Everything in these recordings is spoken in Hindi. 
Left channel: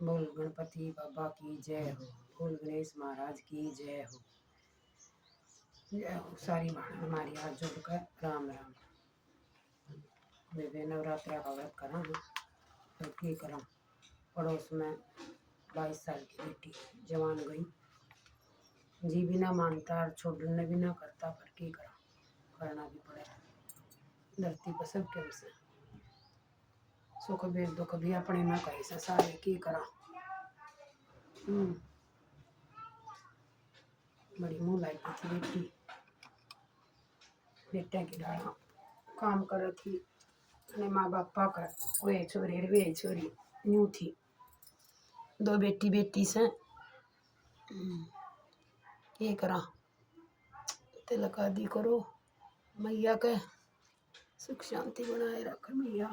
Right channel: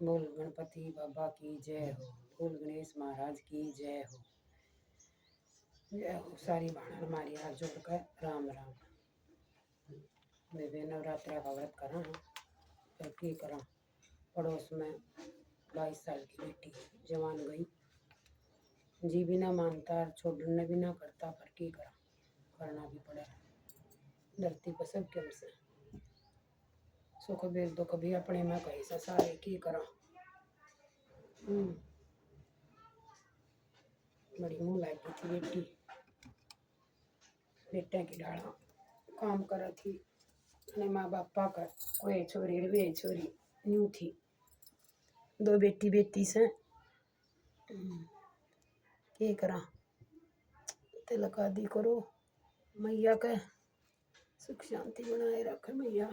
बोल गणपति बाबा की जय हो। बोल गणेश महाराज की जय हो। जय हो। सारी भाण हमारी हाथ जोड़ कर राम राम। मैं भी नवरात्रि का व्रत करा तो की करा। पड़ोस में 22 साल की बेटी जवान गई, जी भी ना मानता, छोड़ने भी ना करता, पर की करा, करना भी पड़े। धरती पर सब क्यों से सुख भी दुख भी अपने में कहीं से सारे की करा। बड़ी मुँह लायकी थी बेटी, बेटे की डाला काम कर थी અને माँ बापा का कोई छोरी वे छोरी न्यू थी। 2 बेटी बेटी से ये करा। तिलक आदि करो, मैया के सुख शांति बनाए रखे मैया,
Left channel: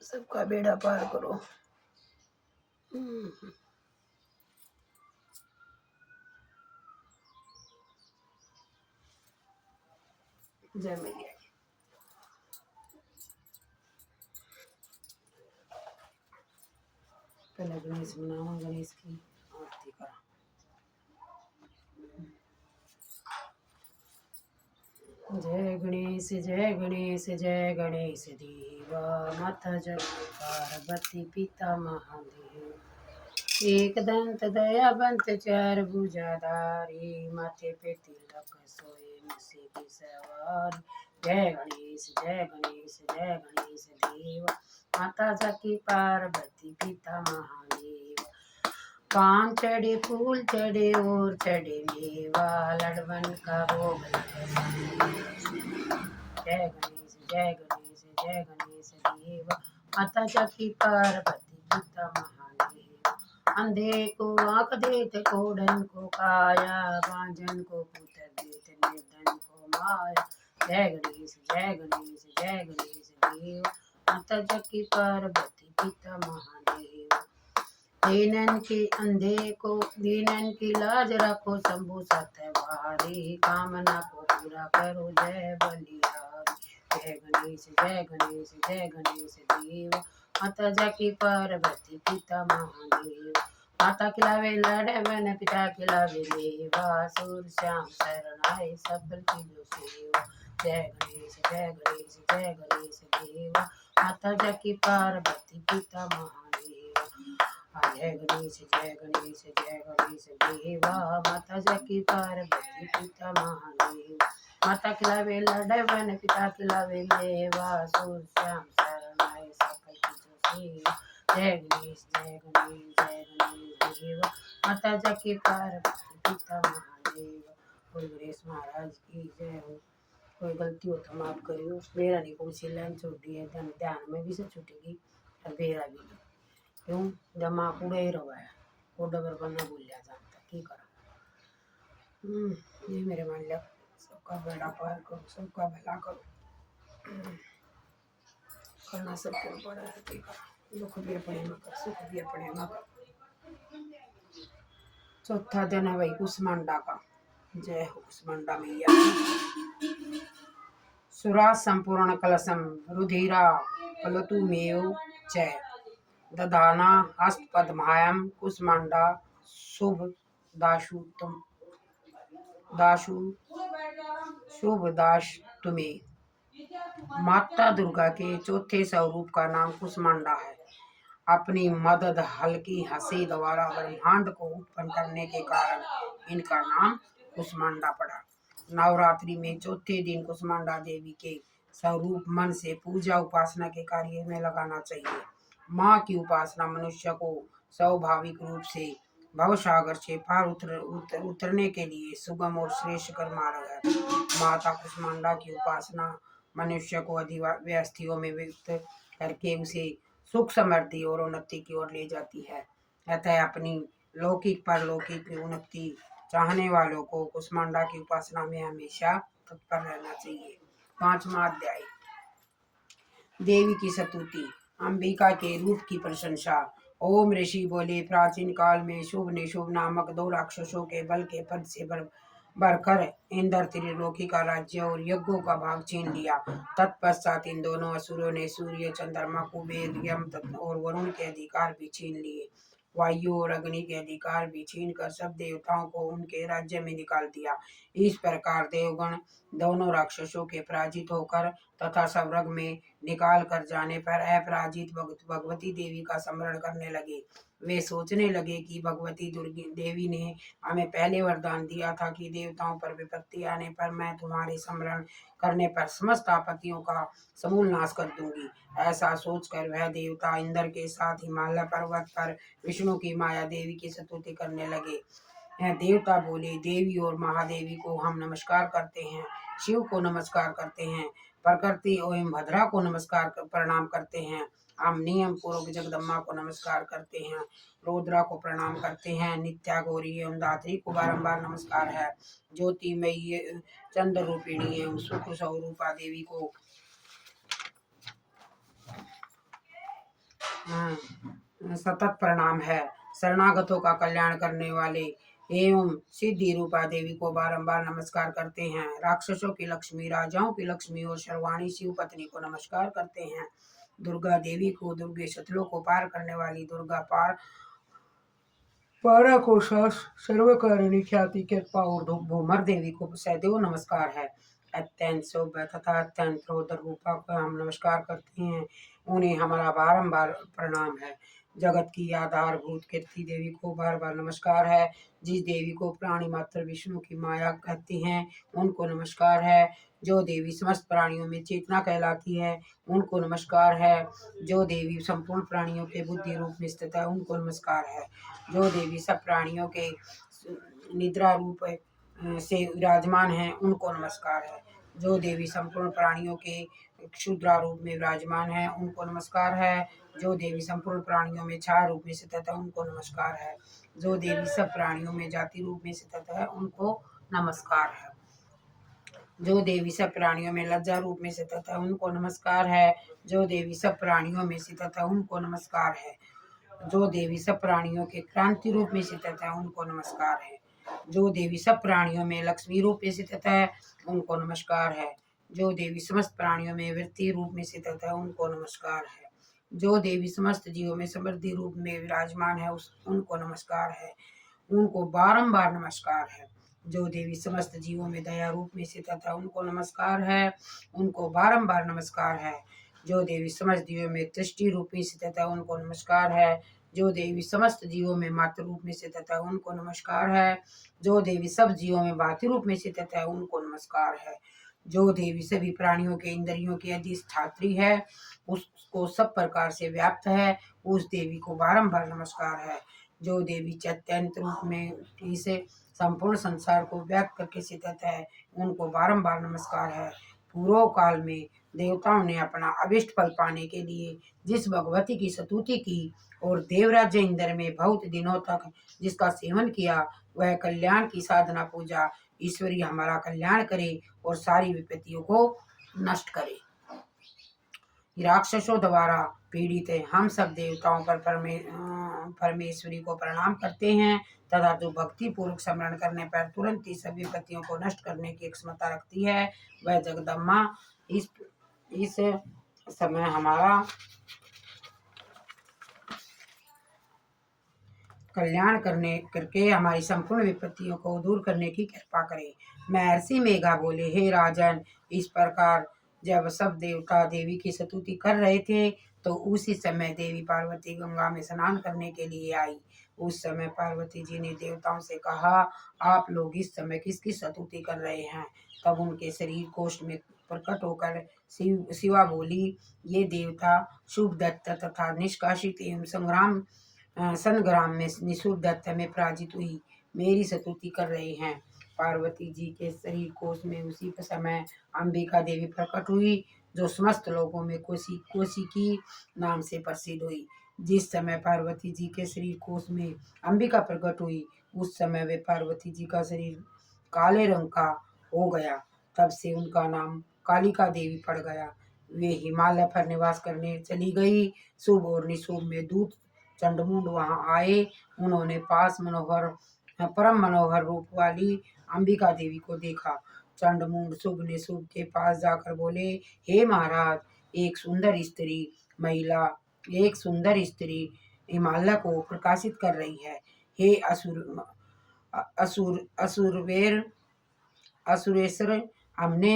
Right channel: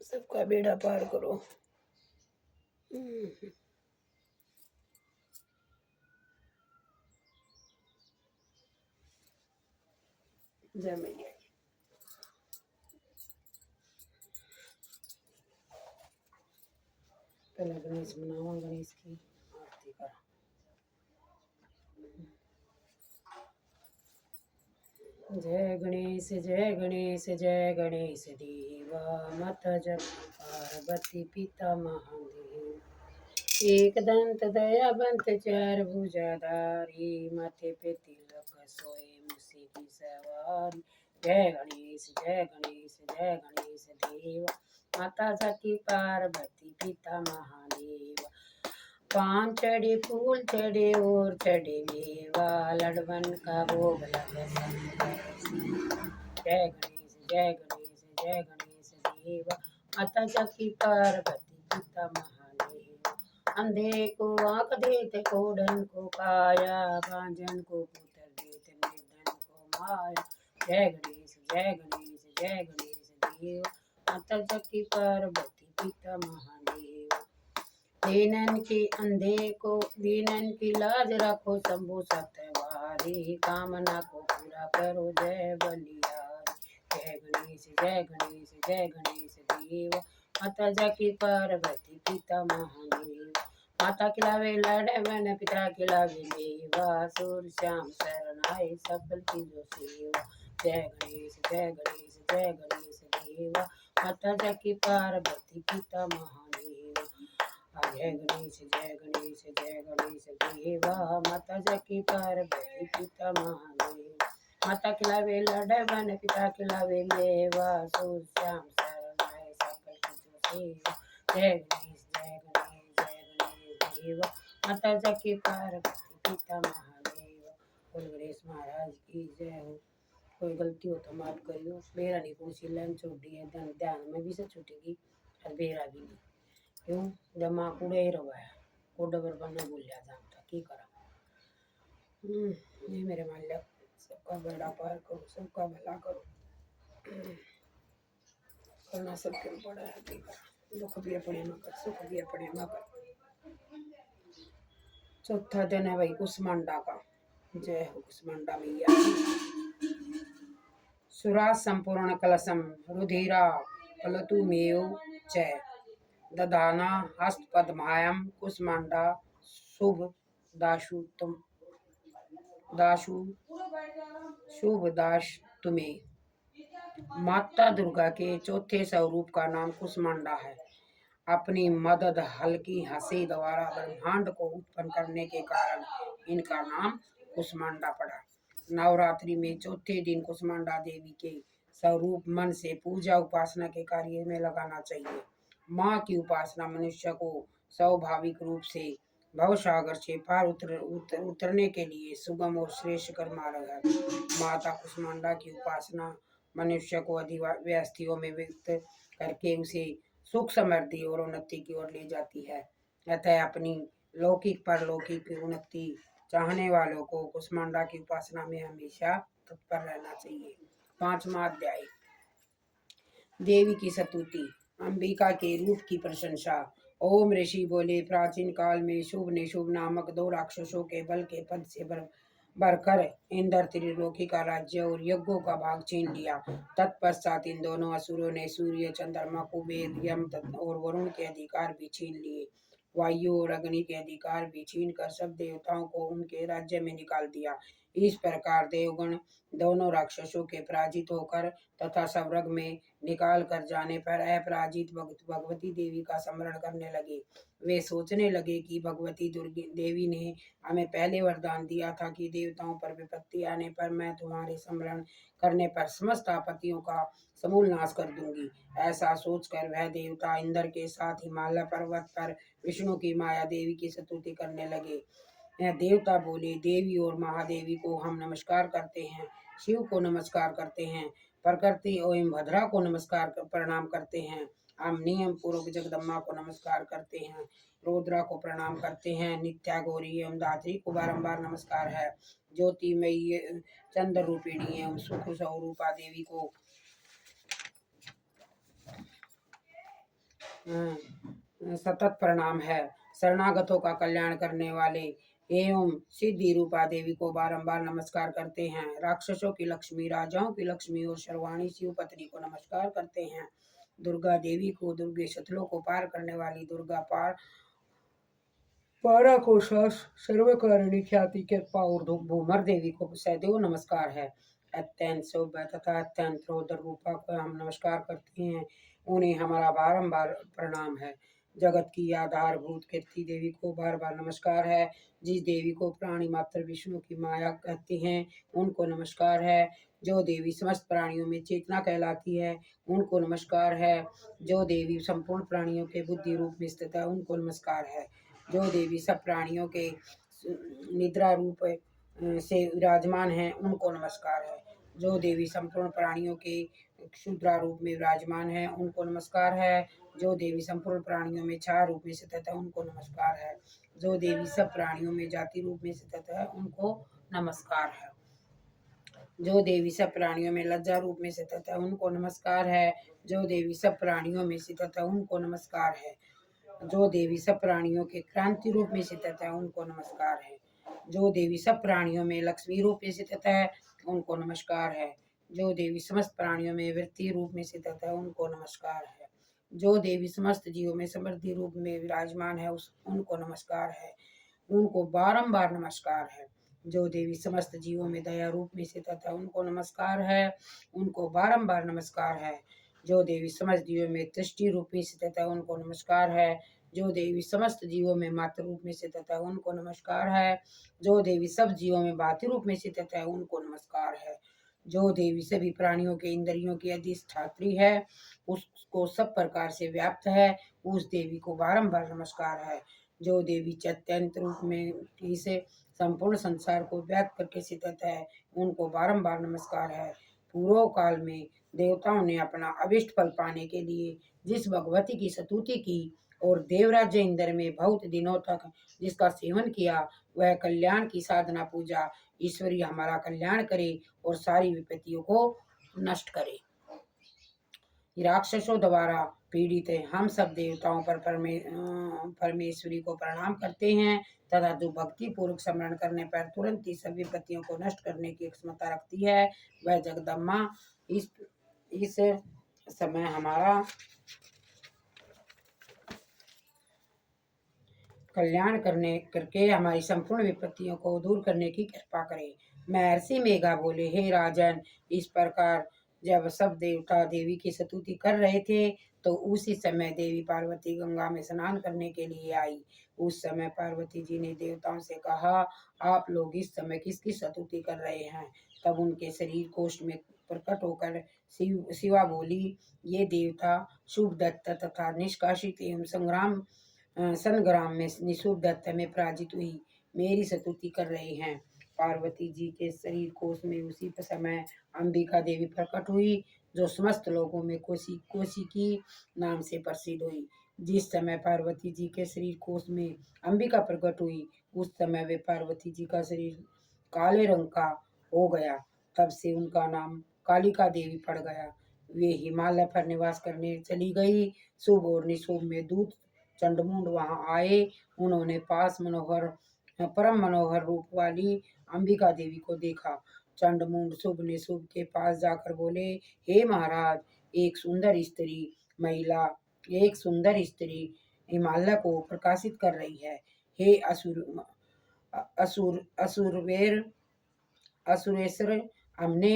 सबका बेड़ा पार करो। जय मैया। पहले गणेश बनाओ, गणेश की आरती करा। जय गणेश जय गणेश जय गणेश देवा, माता जगत पार्वती पिता महादेव। एक दंत दयावंत चार भुजाधारी, माथे पे तिलक सोए मुसी की सवारी। जय गणेश जय गणेश जय गणेश देवा, माता जगत पार्वती पिता महादेव। पान चढ़े फूल चढ़े और चढ़े मेवा, लड़वन का भोग लगे। जय गणेश जय गणेश जय गणेश देवा, माता जगत पार्वती पिता महादेव। अंधे को आँख देते, कोढ़न को काया, बांझन को पुत्र देते, निर्धन को माया। जय गणेश जय गणेश जय गणेश देवा, माता जगत पार्वती पिता महादेव। दीनन की अंधे को दीनन की लाज रखो, शंभु सतवारी, कामना को पूरा करो जय बलिहारी। जय गणेश जय गणेश जय गणेश देव, माता जगत पार्वती पिता महादेव। माता खिलावे लड़वन, पिता खिलावे मेवा, सूर श्याम शरण आए सकल की जो सेवा। जय गणेश जय गणेश जय गणेश देवा, माता जगत पार्वती पिता महादेव। जय गणेश जय गणेश जय गणेश देवा, माता जगत पार्वती पिता महादेव। माता खिलावे लड़वन, पिता खिलावे मेवा, सूर श्याम शरण आए सकल की जो सेवा। जय गणेश जय गणेश जय गणेश देवा, माता जगत पार्वती पिता महादेव। बोल गणेश महाराज की जय हो। कोई गलती हो तो माफ करियो। मेरा नहीं पहुंची लाइन छोटी है, ध्यान में भी से छूटेगी और बेरा भी क्यों दिमाग उड़े ही रहा है, वो डबर बनना भूल जाता की करा। ये मेरे मालिक सबका बेड़ा पार करो, सबका भला करो। करना सब क्यों पड़ा है की करा। दुख भी अपने में कर, सुख भी अपने में कर। चौथा दिन है भाई कुसमांडा का। जय हो कुसमांडा मैया। सुरा संपूर्ण कलशम रुधिरा पलतु मेव च दधाना हस्त पद्मायम, कुसमांडा शुभ दाशु तुम दाशु शुभ दाश तुम्हें। माता दुर्गा के चौथे स्वरूप का नाम कुसमांडा है। अपनी मदद हल्की हंसी द्वारा ब्रह्मांड को उत्पन्न करने के कारण इनका नाम कुसमांडा पड़ा। नवरात्रि में चौथे दिन कुसमांडा देवी के स्वरूप मन से पूजा उपासना के कार्य में लगाना चाहिए। माँ की उपासना मनुष्य को स्वाभाविक रूप से भवसागर से पार उतरने के लिए सुगम और श्रेष्ठ कर मार्ग है। माता कुसमांडा की उपासना मनुष्य को अधिव्यस्तियों में व्यक्त करके उसे सुख समृद्धि और उन्नति की ओर ले जाती है। अतः अपनी लौकिक परलौकिक उन्नति चाहने वालों को कुसमांडा की उपासना में हमेशा तत्पर रहना चाहिए। 5वां अध्याय देवी की स्तुति। अंबिका के रूप की प्रशंसा। ओम ऋषि बोले, प्राचीन काल में शुभ निशुभ नामक 2 राक्षसों के बल के पद से बढ़कर इंद्र त्रिलोकी का राज्य और यज्ञों का भाग छीन लिया। तत्पश्चात इन दोनों असुरों ने सूर्य, चंद्रमा, कुबेर, यम और वरुण के अधिकार भी छीन लिए। वायु और अग्नि के अधिकार भी छीन कर सब देवताओं को उनके राज्य में निकाल दिया। इस प्रकार देवगण दोनों राक्षसों के पराजित होकर तथा स्वर्ग में निकाल कर जाने पर अपराजित भगवती देवी का स्मरण करने लगे। वे सोचने लगे कि भगवती दुर्गी देवी ने हमें पहले वरदान दिया था कि देवताओं पर विपत्ति आने पर मैं तुम्हारे स्मरण करने पर समस्त आपत्तियों का समूल नाश कर दूंगी। ऐसा सोचकर वह देवता इंद्र के साथ हिमालय पर्वत पर विष्णु की माया देवी की स्तुति करने लगे। यह देवता बोले, देवी और महादेवी को हम नमस्कार करते हैं, शिव को नमस्कार करते हैं, प्रकृति एवं भद्रा को नमस्कार प्रणाम करते हैं, हम नियम पूर्वक जगदम्बा को नमस्कार करते हैं, रुद्रा को प्रणाम करते हैं, नित्या गौरी एवं धात्री को बारंबार नमस्कार है, ज्योतिमयी चंद्र रूपिणी एवं सुख स्वरूपा देवी को सतत प्रणाम है, शरणागतों का कल्याण करने वाले एवं सिद्धि रूपा देवी को बारंबार नमस्कार करते हैं, राक्षसों की लक्ष्मी, राजाओं की लक्ष्मी और सर्वाणी शिव पत्नी को नमस्कार करते हैं, दुर्गा देवी को, दुर्गे शत्रुओं को पार करने वाली दुर्गा पारा को सर्वकारिणी ख्याति कृपा और भूमर देवी को सदैव नमस्कार है। अत्यंत सौभ्य तथा अत्यंत रौद्र रूपा को हम नमस्कार करते हैं, उन्हें हमारा बारंबार प्रणाम है। जगत की आधारभूत कीर्ति देवी को बार बार नमस्कार है। जिस देवी को प्राणी मात्र विष्णु की माया कहते हैं उनको नमस्कार है। जो देवी समस्त प्राणियों में चेतना कहलाती है उनको नमस्कार है। जो देवी संपूर्ण प्राणियों के बुद्धि रूप में स्थित है उनको नमस्कार है। जो देवी सब प्राणियों के निद्रा रूप से विराजमान है उनको नमस्कार है। जो देवी संपूर्ण प्राणियों के क्षुद्रा रूप में विराजमान है उनको नमस्कार है। जो देवी संपूर्ण प्राणियों में छाया रूप में स्थित है उनको नमस्कार है। जो देवी सब प्राणियों में जाति रूप में स्थित है उनको नमस्कार है। जो देवी सब प्राणियों में लज्जा रूप में स्थित है उनको नमस्कार है। जो देवी सब प्राणियों में स्थित है उनको नमस्कार है। जो देवी सब प्राणियों के क्रांति रूप में स्थित है उनको नमस्कार है। जो देवी सब प्राणियों में लक्ष्मी रूप में स्थित है उनको नमस्कार है। जो देवी समस्त प्राणियों में वृत्ति रूप में स्थित है उनको नमस्कार है। जो देवी समस्त जीवों में समृद्धि रूप में विराजमान है उनको नमस्कार है, उनको बारंबार नमस्कार है। जो देवी समस्त जीवों में दया रूप में स्थित है उनको नमस्कार है, उनको बारंबार नमस्कार है। जो देवी समस्त जीवों में दृष्टि रूप में स्थित है उनको नमस्कार है। जो देवी समस्त जीवों में मातृ रूप में स्थित है उनको नमस्कार है। जो देवी सब जीवों में भाति रूप में स्थित है उनको नमस्कार है। जो देवी सभी प्राणियों के इंद्रियों की अधिष्ठात्री है, उसको सब प्रकार से व्याप्त है, उस देवी को बारंबार नमस्कार है। जो देवी चैत्यंत रूप में इसे संपूर्ण संसार को व्याप्त करके स्थित है उनको बारंबार नमस्कार है। पूर्व काल में देवताओं ने अपना अभिष्ट फल पाने के लिए जिस भगवती की स्तुति की और देवराज इंद्र में बहुत दिनों तक जिसका सेवन किया, वह कल्याण की साधना पूजा ईश्वरी हमारा कल्याण करे और सारी विपत्तियों को नष्ट करे। राक्षसों द्वारा पीड़ित है हम सब देवताओं पर परमेश्वरी को प्रणाम करते हैं तथा जो भक्ति पूर्वक स्मरण करने पर तुरंत ही सभी विपत्तियों को नष्ट करने की क्षमता रखती है, वह जगदम्बा इस समय हमारा कल्याण करके हमारी संपूर्ण विपत्तियों को दूर करने की कृपा करे। महर्षि मेघा बोले, हे राजन, इस प्रकार जब सब देवता देवी की स्तुति कर रहे थे तो उसी समय देवी पार्वती गंगा में स्नान करने के लिए आई। उस समय पार्वती जी ने देवताओं से कहा, आप लोग इस समय किसकी स्तुति कर रहे हैं? तब उनके शरीर कोष्ठ में प्रकट होकर शिवा बोली, ये देवता शुभ दत्त तथा निष्कासित एवं संग्राम में निशुर दत्त में पराजित हुई मेरी स्तुति कर रहे हैं। पार्वती जी के शरीर कोश में उसी समय अंबिका देवी प्रकट हुई, जो समस्त लोगों में कोशिकी नाम से प्रसिद्ध हुई। जिस समय पार्वती जी के शरीर कोश में अंबिका प्रकट हुई, उस समय वे पार्वती जी का शरीर काले रंग का हो गया। तब से उनका नाम कालिका देवी पड़ गया। वे हिमालय पर निवास करने चली गई। शुभ और निशुभ में दूत चंडमुंड वहां आए। उन्होंने पास मनोहर परम मनोहर रूप वाली अंबिका देवी को देखा। चंडमुंड शुभ ने शुभ के पास जाकर बोले, हे महाराज, एक सुंदर स्त्री महिला एक सुंदर स्त्री हिमालय को प्रकाशित कर रही है। हे असुरवीर असुरेश्वर, हमने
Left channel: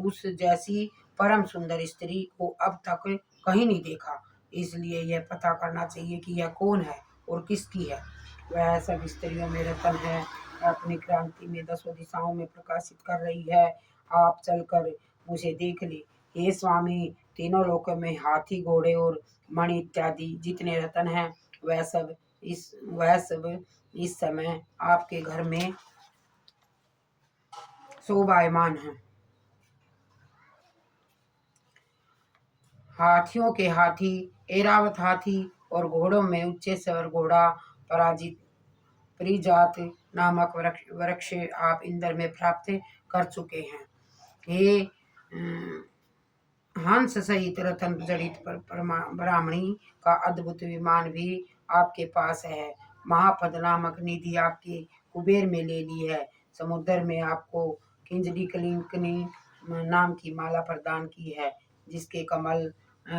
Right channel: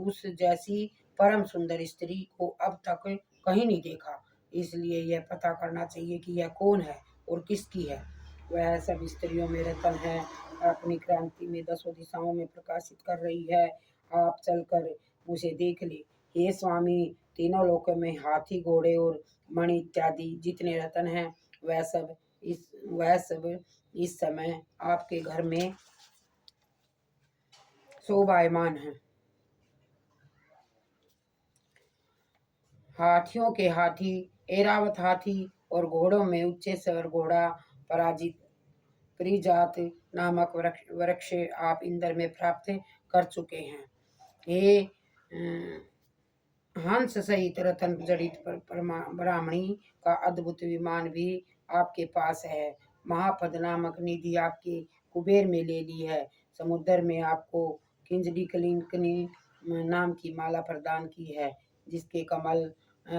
उस जैसी परम सुंदर स्त्री को अब तक कहीं नहीं देखा, इसलिए यह पता करना चाहिए कि यह कौन है और किसकी है। वह सब स्त्रियों में रतन है, अपनी क्रांति में 10 दिशाओं में प्रकाशित कर रही है। आप चलकर उसे देख ले। हे स्वामी, तीनों लोकों में हाथी, घोड़े और मणि इत्यादि जितने रतन हैं, वह सब इस समय आपके घर में शोभायमान है। हाथियों के हाथी, ऐरावत हाथी और घोड़ों में उच्चेश्वर घोड़ा, पराजित परिजात नामक वृक्ष आप इंद्र में प्राप्त कर चुके हैं। हे हंस सहित रतन जड़ित ब्राह्मणी का अद्भुत विमान भी आपके पास है। महापद नामक निधि आपके कुबेर में ले ली है। समुद्र में आपको किंजली कलिंकनी नाम की माला प्रदान की है, जिसके कमल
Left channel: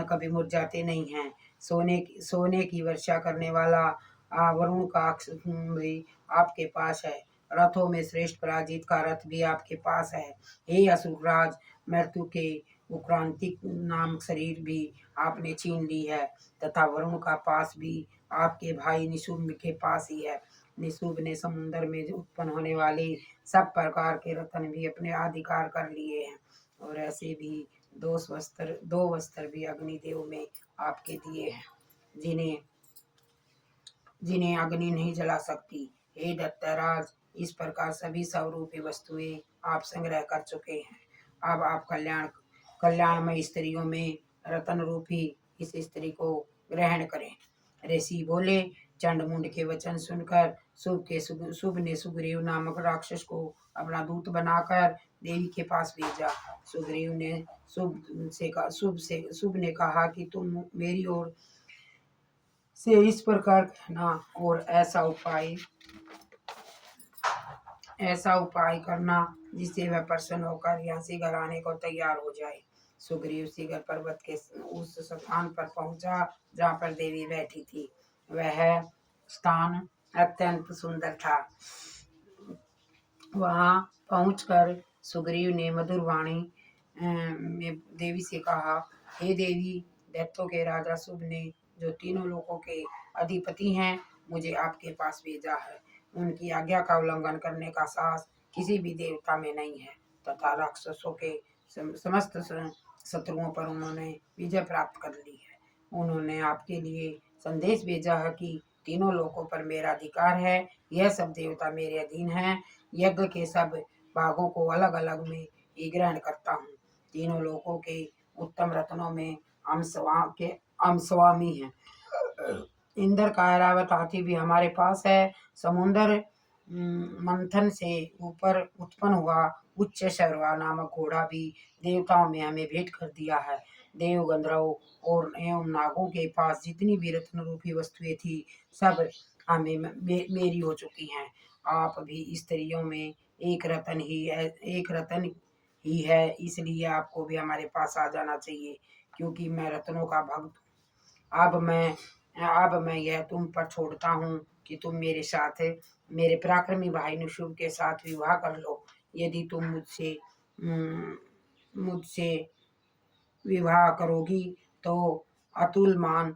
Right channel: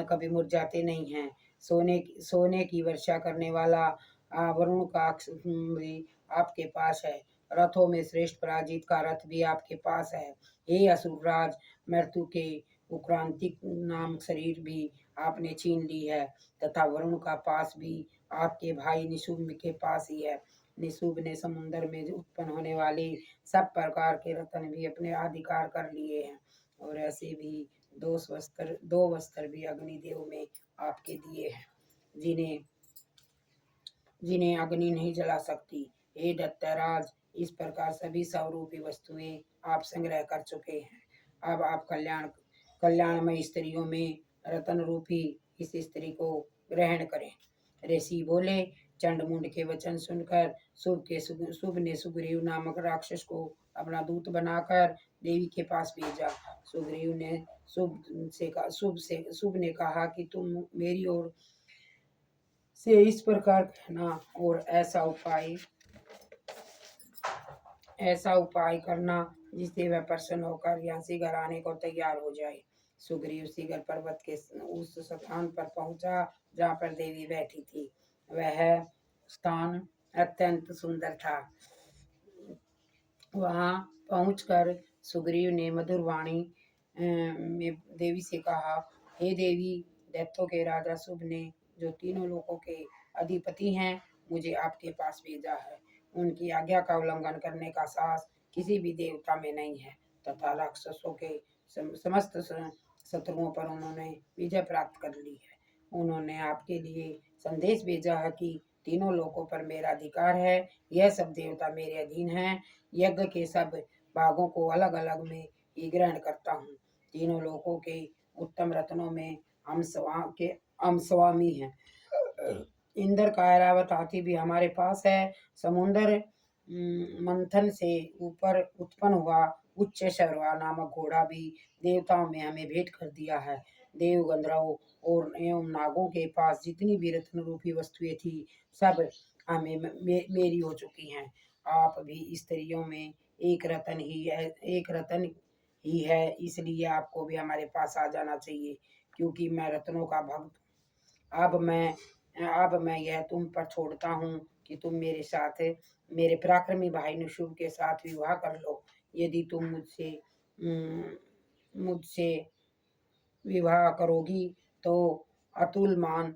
कभी मुरझाते नहीं हैं। सोने की वर्षा करने वाला वरुण का भी आपके पास है। रथों में श्रेष्ठ पराजित का रथ भी आपके पास है। हे असुरराज, मृत्यु के उक्रांतिक नाम शरीर भी आपने छीन ली है, तथा वरुण का पास भी आपके भाई निशुम्भ के पास ही है। निशुम्भ ने समुद्र में उत्पन्न होने वाले सब प्रकार के रत्न भी अपने अधिकार कर लिए हैं, और ऐसे भी दो वस्त्र भी अग्निदेव में आपके दिए हैं, जिन्हें अग्नि नहीं जला सकती। हे दत्तराज, इस प्रकार सभी स्वरूपी वस्तुएं आप संग्रह कर चुके हैं। अब आप कल्याणमय स्त्रियों में रतन रूपी इस स्त्री को ग्रहण करें। ऋषि बोले। चंडमुंड के वचन सुनकर शुभ ने सुग्रीव नामक राक्षस को अपना दूत बनाकर देवी के पास भेजा। सुग्रीव ने शुभ ने कहा कि तुम मेरी ओर से इस प्रकार कहना और ऐसा उपाय करना जिससे वह प्रसन्न होकर यहाँ से घर आने को तैयार हो जाए। सुग्रीव शिखर पर्वत के उस स्थान पर पहुंचा जहाँ पर देवी बैठी थी। वह स्थान अत्यंत सुंदर था। वहां पहुंचकर सुग्रीव ने मधुर वाणी में देवी से कहा, हे देवी, दैत्यों के राजा शुभ ने, जो तीनों लोकों के अधिपति हैं, मुझे आपके पास भेजा है। उनकी आज्ञा का उल्लंघन करने का साहस किसी भी देवता में नहीं है, तथा राक्षसों के समस्त शत्रुओं पर उन्होंने विजय प्राप्त कर ली है। उन्होंने आपके लिए संदेश भेजा है कि तीनों लोकों पर मेरा अधिकार है। यह सब देवता मेरे अधीन हैं। यज्ञ के सब भागों को अलग अलग में ही ग्रहण करता हूँ। तीनों लोकों के उत्तम रत्नों में हम स्वामी हैं। इंद्र का ऐरावत हाथी भी हमारे पास है। समुद्र मंथन से ऊपर उत्पन्न हुआ उच्च शर्वा नामक घोड़ा भी देवताओं में हमें भेंट कर दिया है। देव, गंधर्व और एवं नागों के पास जितनी भी रत्न रूपी वस्तुएं थी, सब हमें मेरी हो चुकी हैं। आप भी स्त्रियों में एक रतन ही है, इसलिए आपको भी हमारे पास आ जाना चाहिए, क्योंकि मैं रत्नों का भक्त हूँ। अब मैं यह तुम पर छोड़ता हूँ कि तुम मेरे साथ मेरे पराक्रमी भाई निशुम्भ के साथ विवाह कर लो। यदि तुम मुझसे विवाह करोगी तो अतुलमान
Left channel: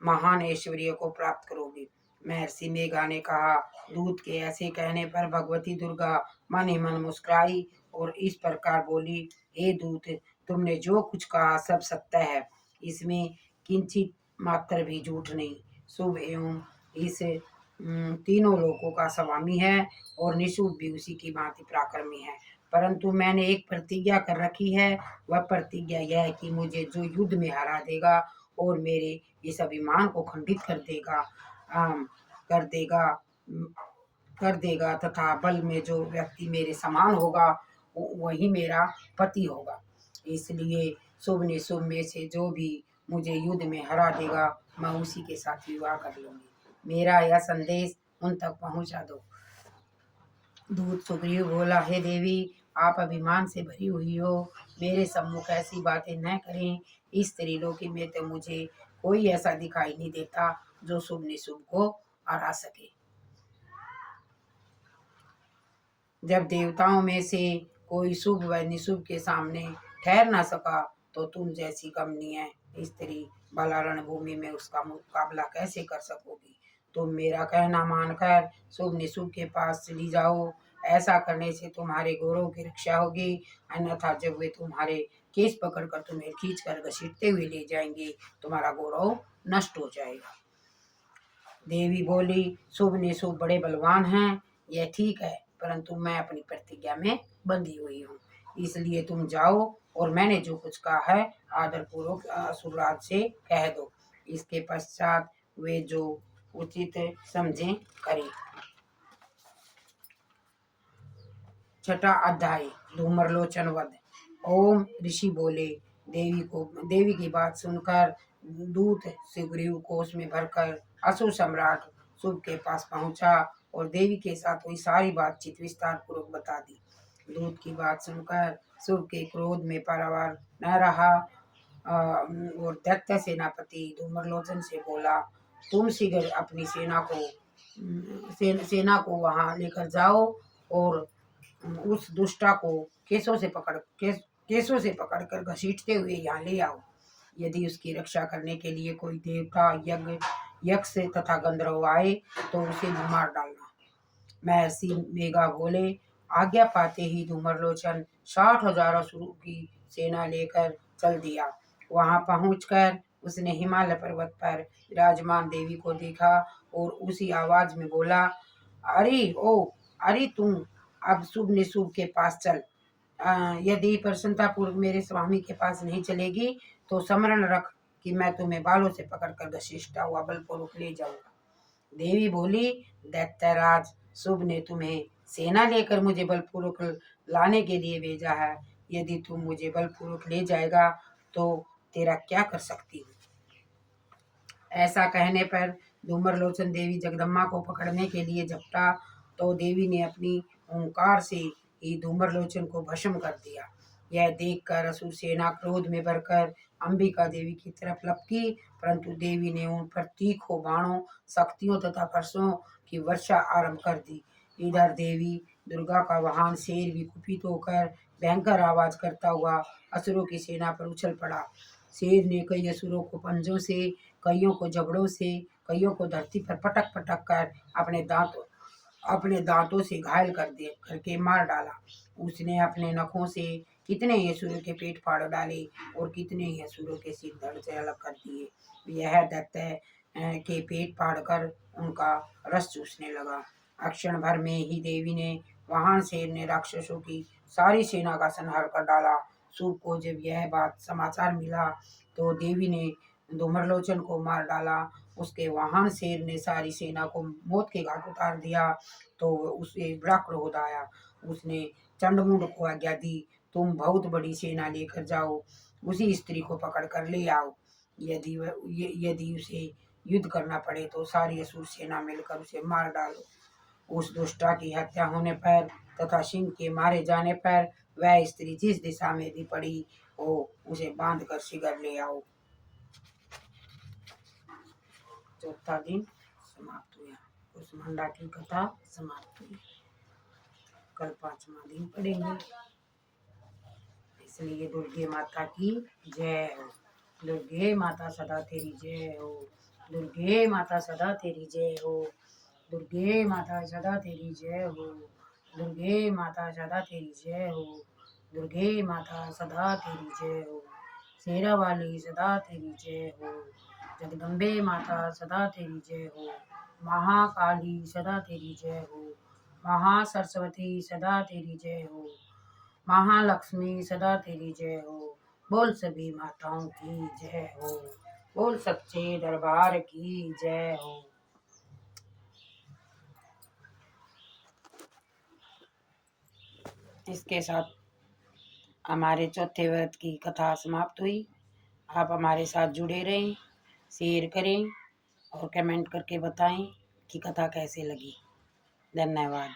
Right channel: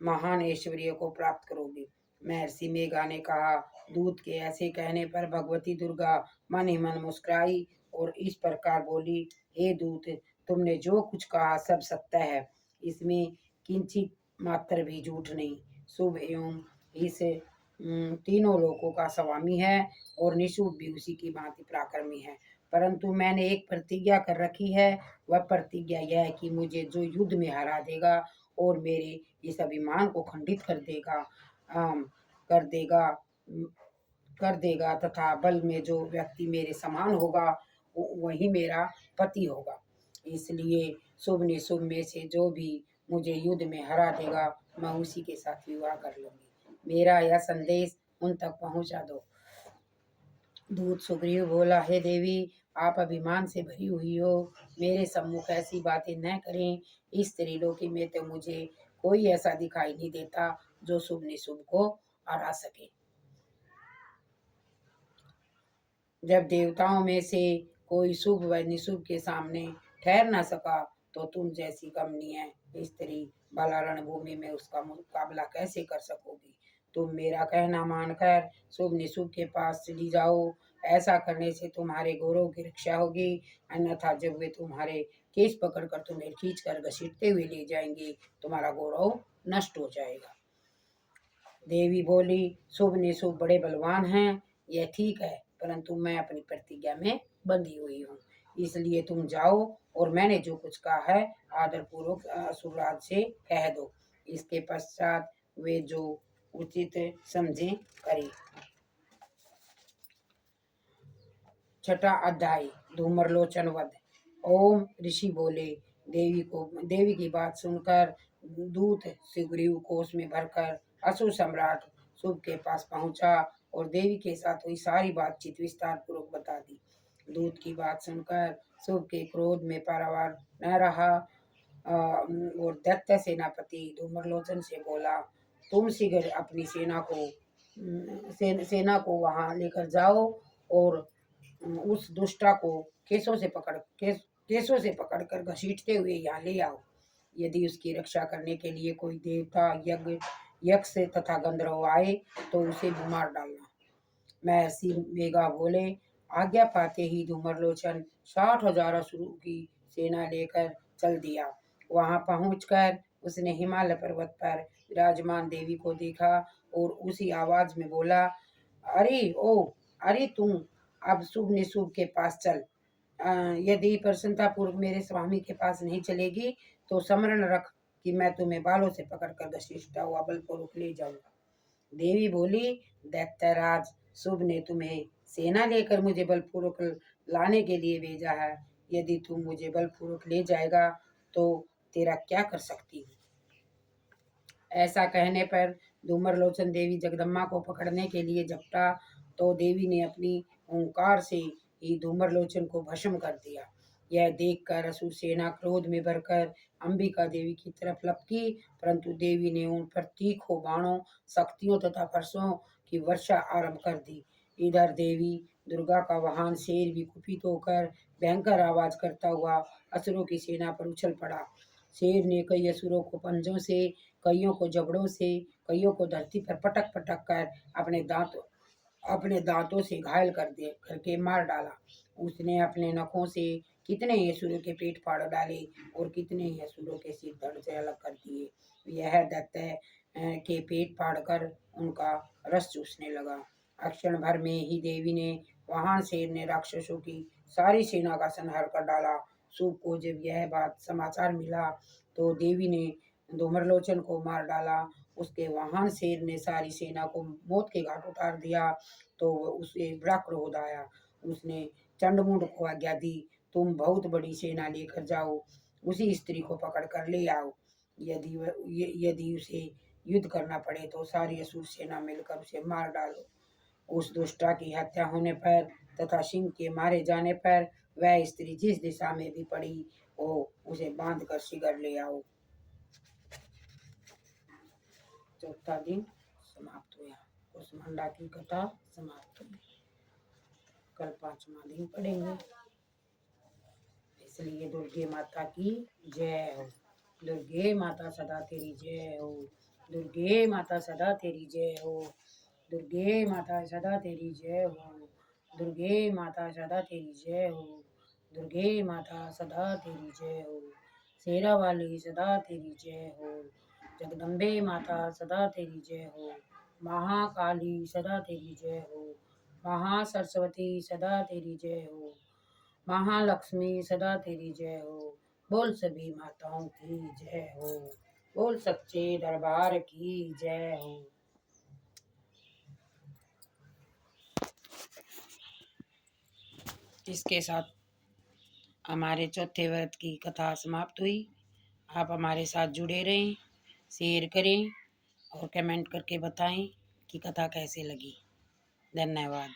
महान ऐश्वर्य को प्राप्त करोगी। महर्षि मेघा ने कहा। दूत के ऐसे कहने पर भगवती दुर्गा मन ही मन मुस्कुराई और इस प्रकार बोली, हे दूत, तुमने जो कुछ कहा सब सत्य है, इसमें किंचित मात्र भी झूठ नहीं। शुभ एवं इस तीनों लोकों का स्वामी है और निशुम्भ भी उसी की भांति पराक्रमी है, परंतु मैंने एक प्रतिज्ञा कर रखी है। वह प्रतिज्ञा यह है कि मुझे जो युद्ध में हरा देगा और मेरे इस अभिमान को खंडित कर देगा तथा बल में जो व्यक्ति मेरे समान होगा वही मेरा पति होगा। इसलिए शुभ ने शुभ में से जो भी मुझे युद्ध में हरा देगा, मैं उसी के साथ विवाह कर लूंगी। मेरा यह संदेश उन तक पहुंचा दो। दूत सुग्रीव बोला, हे देवी, आप अभिमान से भरी हुई हो, मेरे सम्मुख ऐसी बातें न करें। इस त्रिलोकी में तो मुझे कोई ऐसा दिखाई नहीं देता जो शुभ निशुभ को हरा सके। जब देवताओं में से कोई शुभ व निशुभ के सामने ठहर न सका, तो तुम जैसी कमनीय स्त्री भला रणभूमि में उसका मुकाबला कैसे कर सकोगी। तुम मेरा कहना मानकर शुभ निशुभ के पास चली जाओ। ऐसा करने से तुम्हारे गौरव की रक्षा होगी, अन्यथा जब वे तुम्हारे केस पकड़कर तुम्हें खींचकर घसीटते हुए ले जाएंगे, तुम्हारा गौरव नष्ट हो जाएगा। देवी बोली, शुभ निशुभ बड़े बलवान हैं, यह ठीक है, परंतु मैं अपनी प्रतिज्ञा में बंधी हुई हूँ। इसलिए तुम जाओ और मैंने जो कुछ कहा है आदर पूर्वक असुरराज से कह दो। इसके पश्चात वे जो उचित समझे करें। छठा अध्याय, धूम्रलोचन वध। ओम ऋषि बोले, देवी की बात सुनकर दूत सुग्रीव कोष में भरकर असुर सम्राट शुभ के पास पहुंचा और देवी के साथ हुई सारी बातचीत विस्तार पूर्वक बता दी। दूत की बात सुनकर शुभ के क्रोध में पारावार न रहा और दैत्य सेनापति धूम्रलोचन से बोला, तुम शीघ्र अपनी सेना को वहां लेकर जाओ और उस दुष्टा को केसों से पकड़कर घसीटते हुए यहाँ ले आओ। यदि उसकी रक्षा करने के लिए कोई देवता यक्ष तथा गंधर्व आए तो उसे भी मार डालना। महर्षि मेघा बोले, आज्ञा पाते ही धूम्रलोचन 60,000 असुरों की सेना लेकर चल दिया। वहां पहुंचकर उसने हिमालय पर्वत पर विराजमान देवी को देखा और उसी आवाज में बोला, अरे तुम अब शुभ निशुभ के पास चल। यदि प्रसन्नता पूर्वक मेरे स्वामी के पास नहीं चलेगी तो स्मरण रख कि मैं तुम्हें बालों से पकड़कर घसीटता हुआ बलपूर्वक ले जाऊंगा। देवी बोली, दैत्यराज, शुभ ने तुम्हें सेना लेकर मुझे बलपूर्वक लाने के लिए भेजा है। यदि तुम मुझे बलपूर्वक ले जाएगा तो तेरा क्या कर सकती हूँ। ऐसा कहने पर धूम्रलोचन देवी जगदम्बा को पकड़ने के लिए झपटा तो देवी ने अपनी ओंकार से ही धूम्रलोचन को भस्म कर दिया। यह देखकर असुर सेना क्रोध में भरकर अंबिका देवी की तरफ लपकी, परंतु देवी ने उन पर तीखों बाणों, शक्तियों तथा फरसों की वर्षा आरंभ कर दी। इधर देवी दुर्गा का वाहन शेर भी कुपित होकर भयंकर आवाज करता हुआ असुरों की सेना पर उछल पड़ा। शेर ने कई असुरों को पंजों से, कईयों को जबड़ों से, कईयों को धरती पर पटक पटक कर अपने दांतों से घायल करके मार डाला। उसने अपने नखों से कितने ही असुरों के पेट फाड़ डाले और कितने ही असुरों के सिर धड़ से अलग कर दिए। यह दैत्य के पेट फाड़कर उनका रस चूसने लगा। क्षण भर में ही देवी ने वाहन शेर ने राक्षसों की सारी सेना का संहार कर डाला। शुभ को जब यह बात समाचार मिला तो देवी ने धूम्रलोचन को मार डाला। उसके वाहन शेर ने सारी सेना को मौत के घाट उतार दिया तो उसे बड़ा क्रोध आया। उसने चंडमुंड को आज्ञा दी, तुम बहुत बड़ी सेना लेकर जाओ, उसी स्त्री को पकड़ कर ले आओ। यदि उसे युद्ध करना पड़े तो सारी असुर सेना मिलकर उसे मार डालो। उस दुष्टा की हत्या होने पर तथा सिंह के मारे जाने पर वह स्त्री जिस दिशा में भी पड़ी हो उसे बांध कर शीघ्र ले आओ। चौथा दिन समाप्त हुआ। उस मंडा की कथा समाप्त हुई। कल 5वां दिन पढ़ेंगे। इसलिए दुर्गे माता की जय हो। दुर्गे माता सदा तेरी जय हो। दुर्गे माता सदा तेरी जय हो। दुर्गे माता सदा तेरी जय हो। दुर्गे माता सदा तेरी जय हो। दुर्गे माता सदा तेरी जय हो। शेरा वाली सदा तेरी जय हो। जगदम्बे माता सदा तेरी जय हो। महाकाली सदा तेरी जय हो। महासरस्वती सदा तेरी जय हो। महालक्ष्मी सदा तेरी जय हो। बोल सभी माताओं की जय हो। बोल सच्चे दरबार की जय हो। इसके साथ हमारे चौथे व्रत की कथा समाप्त हुई। आप हमारे साथ जुड़े रहें, शेयर करें और कमेंट करके बताएं कि कथा कैसे लगी। धन्यवाद।